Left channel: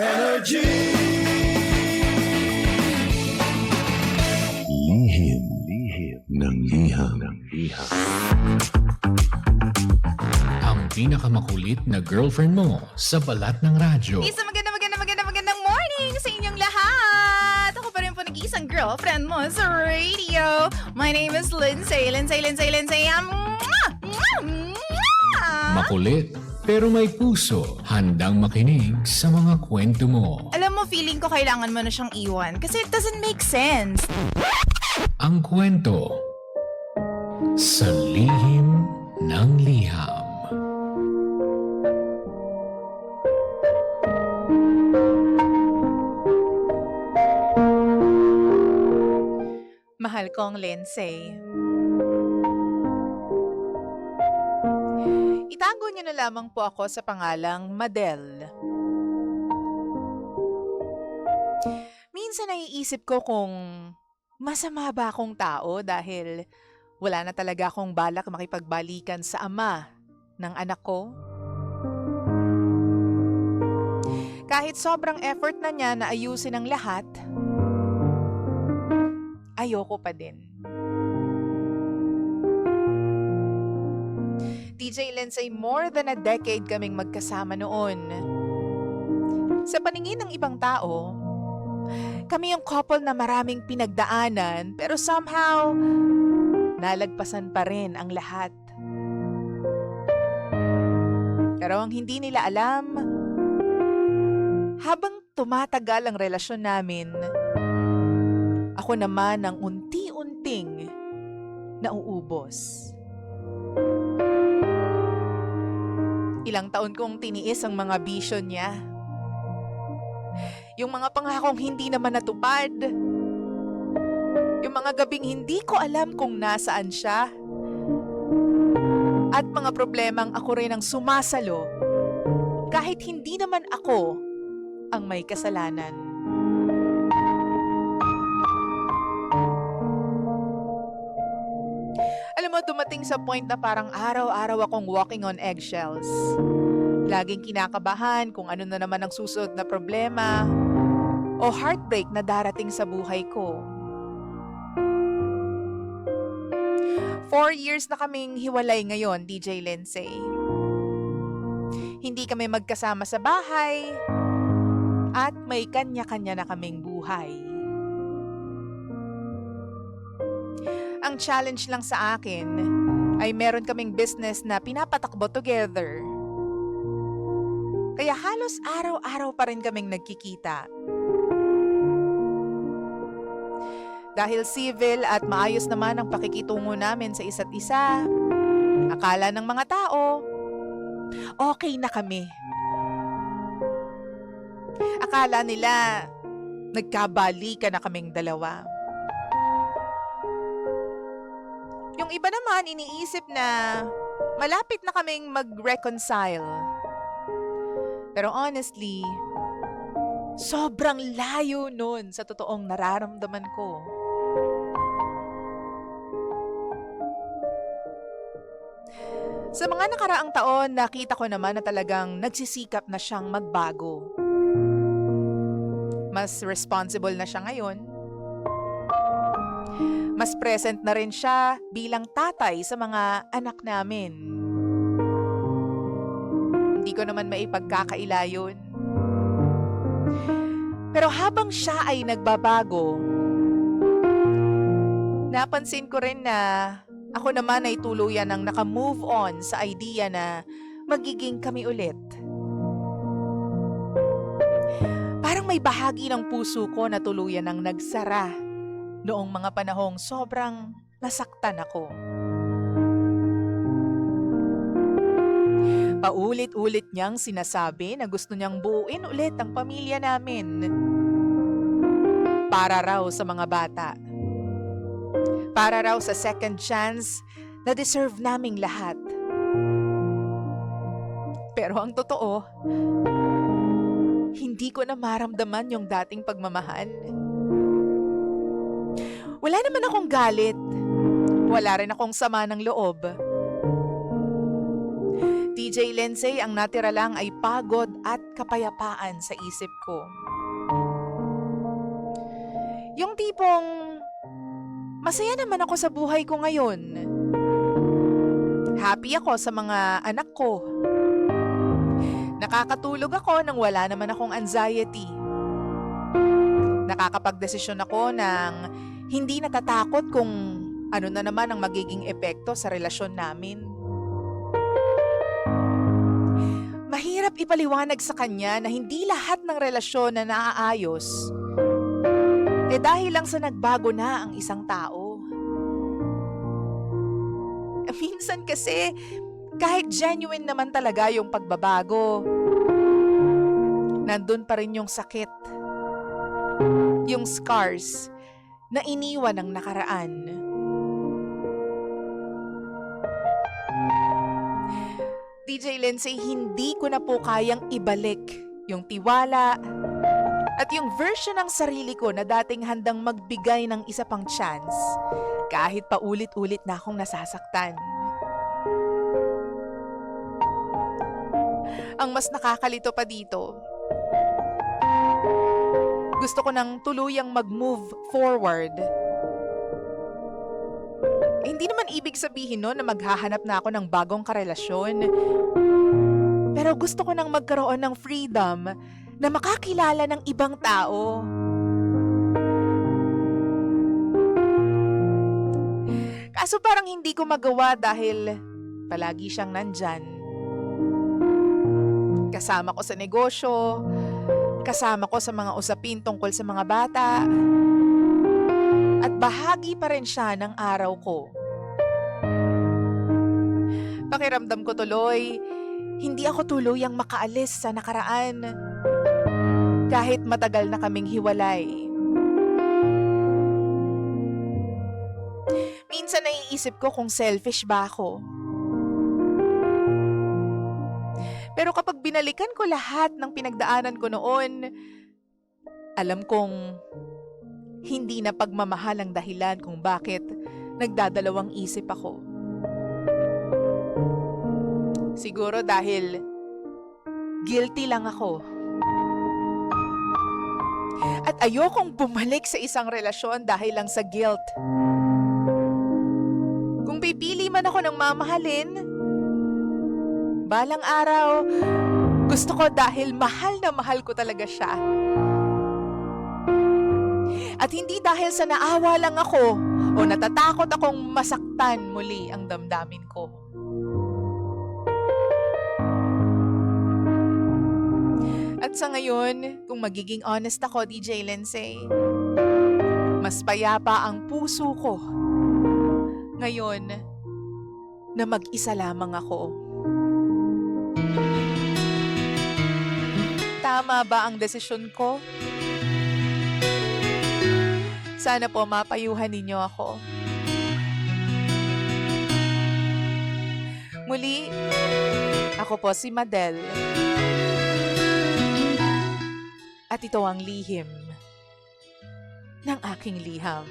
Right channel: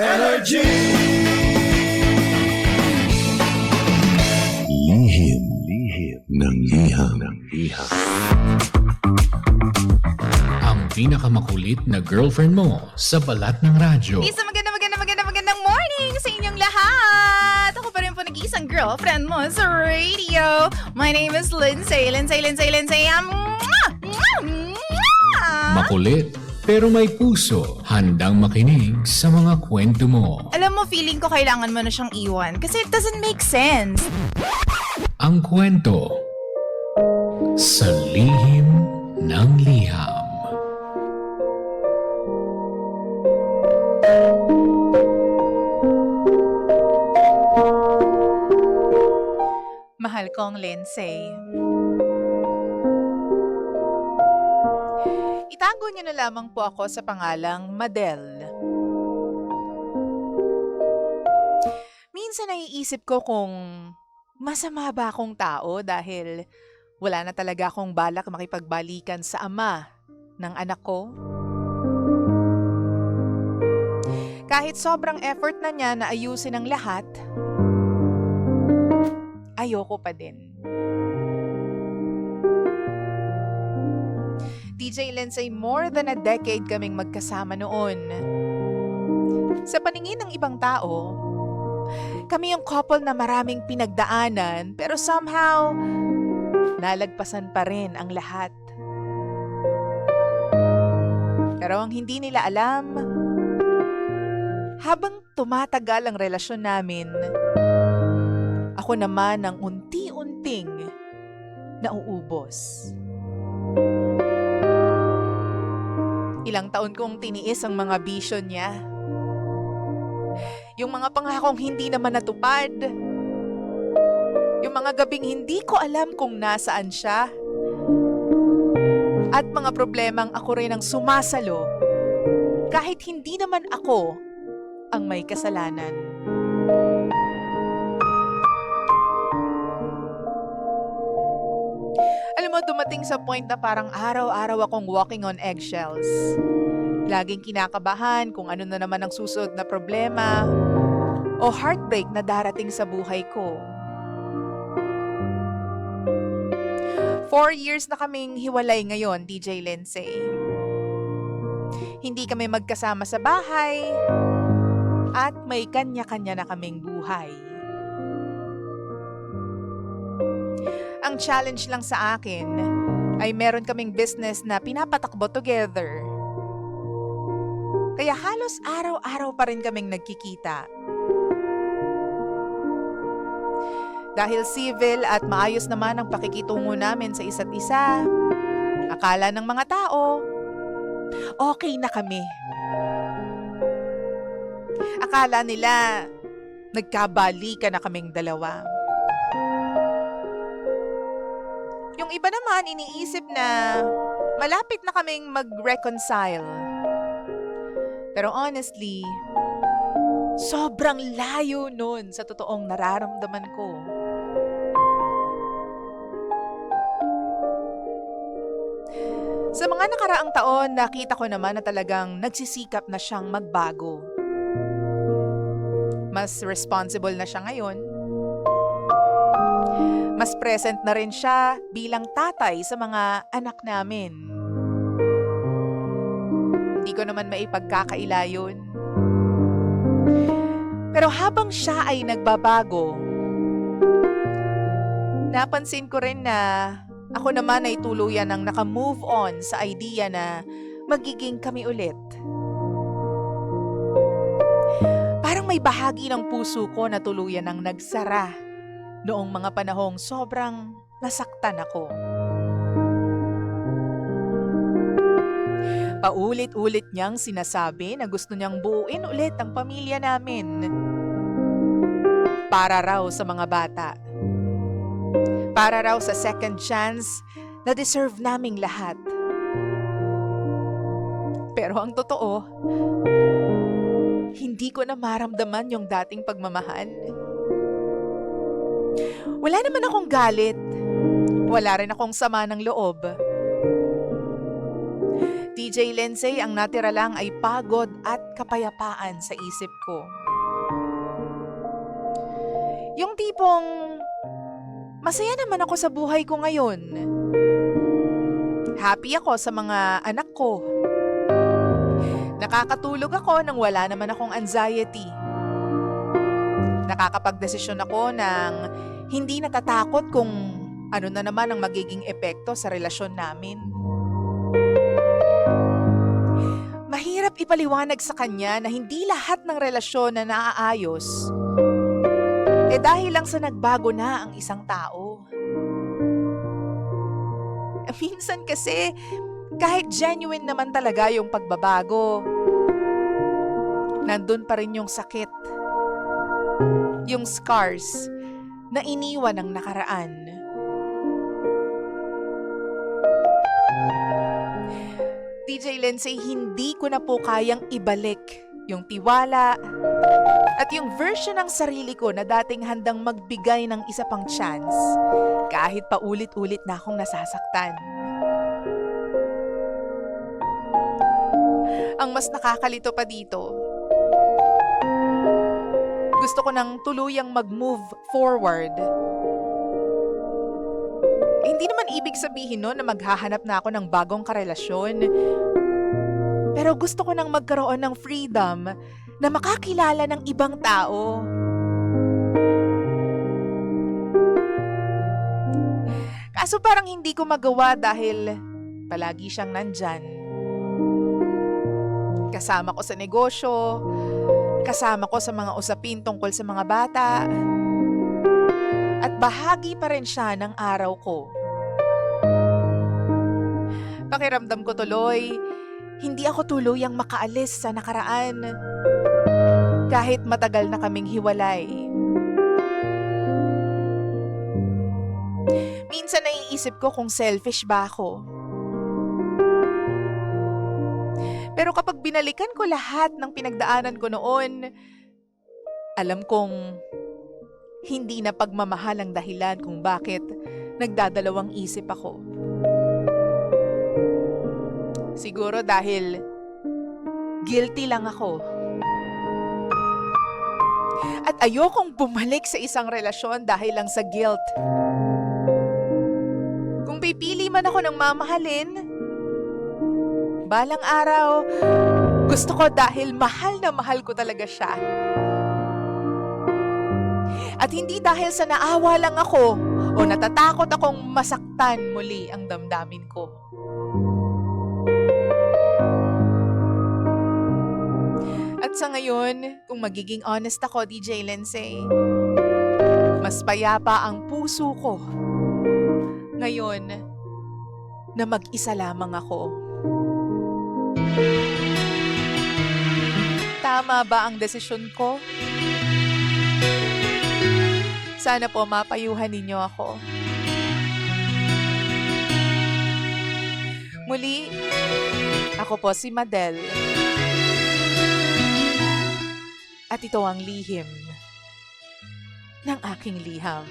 Energy! Lihim ng liham. Ang pinakamakulit na girlfriend mo sa balat ng radyo. Isang magandang morning sa inyong lahat! Ako pa rin po nag-iisang girlfriend mo sa radio. My name is Lindsay. Makulit pero may puso, handang makinig sa mga kwento mo. Alam mo, feeling ko kailangan mo na siyang iwan kasi it doesn't make sense. Ang kwento sa lihim ng liham. Mahal kong Lindsay. Itago niyo na lamang po ako sa pangalang Madel. Minsan naiisip ko kung masama ba akong tao dahil wala na talaga akong balak makipagbalikan sa ama ng anak ko. Kahit sobrang effort na niya na ayusin ang lahat, ayoko pa din. DJ Lindsay, more than a decade kaming magkasama noon. Sa paningin ng ibang tao, kami yung couple na maraming pinagdaanan pero somehow, nalagpasan pa rin ang lahat. Pero ang hindi nila alam, habang tumatagal ang relasyon namin, ako naman ang unti-unting nauubos. Ilang taon kong tiniis ang mga bisyo niya. Yung mga pangakong hindi naman natupad. Yung mga gabing hindi ko alam kung nasaan siya. At mga problemang ako rin ang sumasalo kahit hindi naman ako ang may kasalanan. Alam mo, dumating sa point na parang araw-araw akong walking on eggshells. Laging kinakabahan kung ano na naman ang susunod na problema o heartbreak na darating sa buhay ko. 4 years na kaming hiwalay ngayon, DJ Lindsay. Hindi kami magkasama sa bahay at may kanya-kanya na kaming buhay. Ang challenge lang sa akin ay meron kaming business na pinapatakbo together. Kaya halos araw-araw pa rin kaming nagkikita. Dahil civil at maayos naman ang pakikitungo namin sa isa't isa, akala ng mga tao, okay na kami. Akala nila, nagkabalikan na kaming dalawa. Yung iba naman iniisip na malapit na kaming mag-reconcile. Pero honestly, sobrang layo nun sa totoong nararamdaman ko. Sa mga nakaraang taon, nakita ko naman na talagang nagsisikap na siyang magbago. Mas responsible na siya ngayon. Mas present na rin siya bilang tatay sa mga anak namin. Hindi ko naman maipagkakaila yun. Pero habang siya ay nagbabago, napansin ko rin na ako naman ay tuluyan ng naka-move on sa idea na magiging kami ulit. Parang may bahagi ng puso ko na tuluyan ng nagsara noong mga panahong sobrang nasaktan ako. Paulit-ulit niyang sinasabi na gusto niyang buuin ulit ang pamilya namin. Para raw sa mga bata. Para raw sa second chance na deserve naming lahat. Pero ang totoo, hindi ko na maramdaman yung dating pagmamahal. Wala naman akong galit. Wala rin akong sama ng loob. TJ Lindsay, ang natira lang ay pagod at kapayapaan sa isip ko. Yung tipong masaya naman ako sa buhay ko ngayon. Happy ako sa mga anak ko. Nakakatulog ako nang wala naman akong anxiety. Nakakapagdesisyon ako ng hindi natatakot kung ano na naman ang magiging epekto sa relasyon namin. Mahirap ipaliwanag sa kanya na hindi lahat ng relasyon na naaayos dahil lang sa nagbago na ang isang tao. Minsan kasi, kahit genuine naman talaga yung pagbabago, nandun pa rin yung sakit, yung scars na iniwan ng nakaraan. DJ Lindsay, hindi ko na po kayang ibalik yung tiwala at yung version ng sarili ko na dating handang magbigay ng isa pang chance kahit paulit-ulit na akong nasasaktan. Ang mas nakakalito pa dito, gusto ko nang tuluyang mag-move forward. Hindi naman ibig sabihin no na maghahanap na ako ng bagong karelasyon. Pero gusto ko nang magkaroon ng freedom na makakilala ng ibang tao. Kaso parang hindi ko magawa dahil palagi siyang nandyan. Kasama ko sa negosyo, kasama ko sa mga usapin tungkol sa mga bata, at bahagi pa rin siya ng araw ko. Pakiramdam ko tuloy, hindi ako tuluyang makaalis sa nakaraan kahit matagal na kaming hiwalay. Minsan naiisip ko kung selfish ba ako. Pero kapag binalikan ko lahat ng pinagdaanan ko noon, alam kong hindi na pagmamahal ang dahilan kung bakit nagdadalawang isip ako. Siguro dahil guilty lang ako. At ayokong bumalik sa isang relasyon dahil lang sa guilt. Kung pipili man ako ng mamahalin, balang araw, gusto ko dahil mahal na mahal ko talaga siya. At hindi dahil sa naawa lang ako o natatakot akong masaktan muli ang damdamin ko. At sa ngayon, kung magiging honest ako, DJ Lindsay, mas payapa ang puso ko ngayon na mag-isa lamang ako. Tama ba ang desisyon ko? Sana po mapayuhan ninyo ako. Muli, ako po si Madel. At ito ang lihim ng aking liham.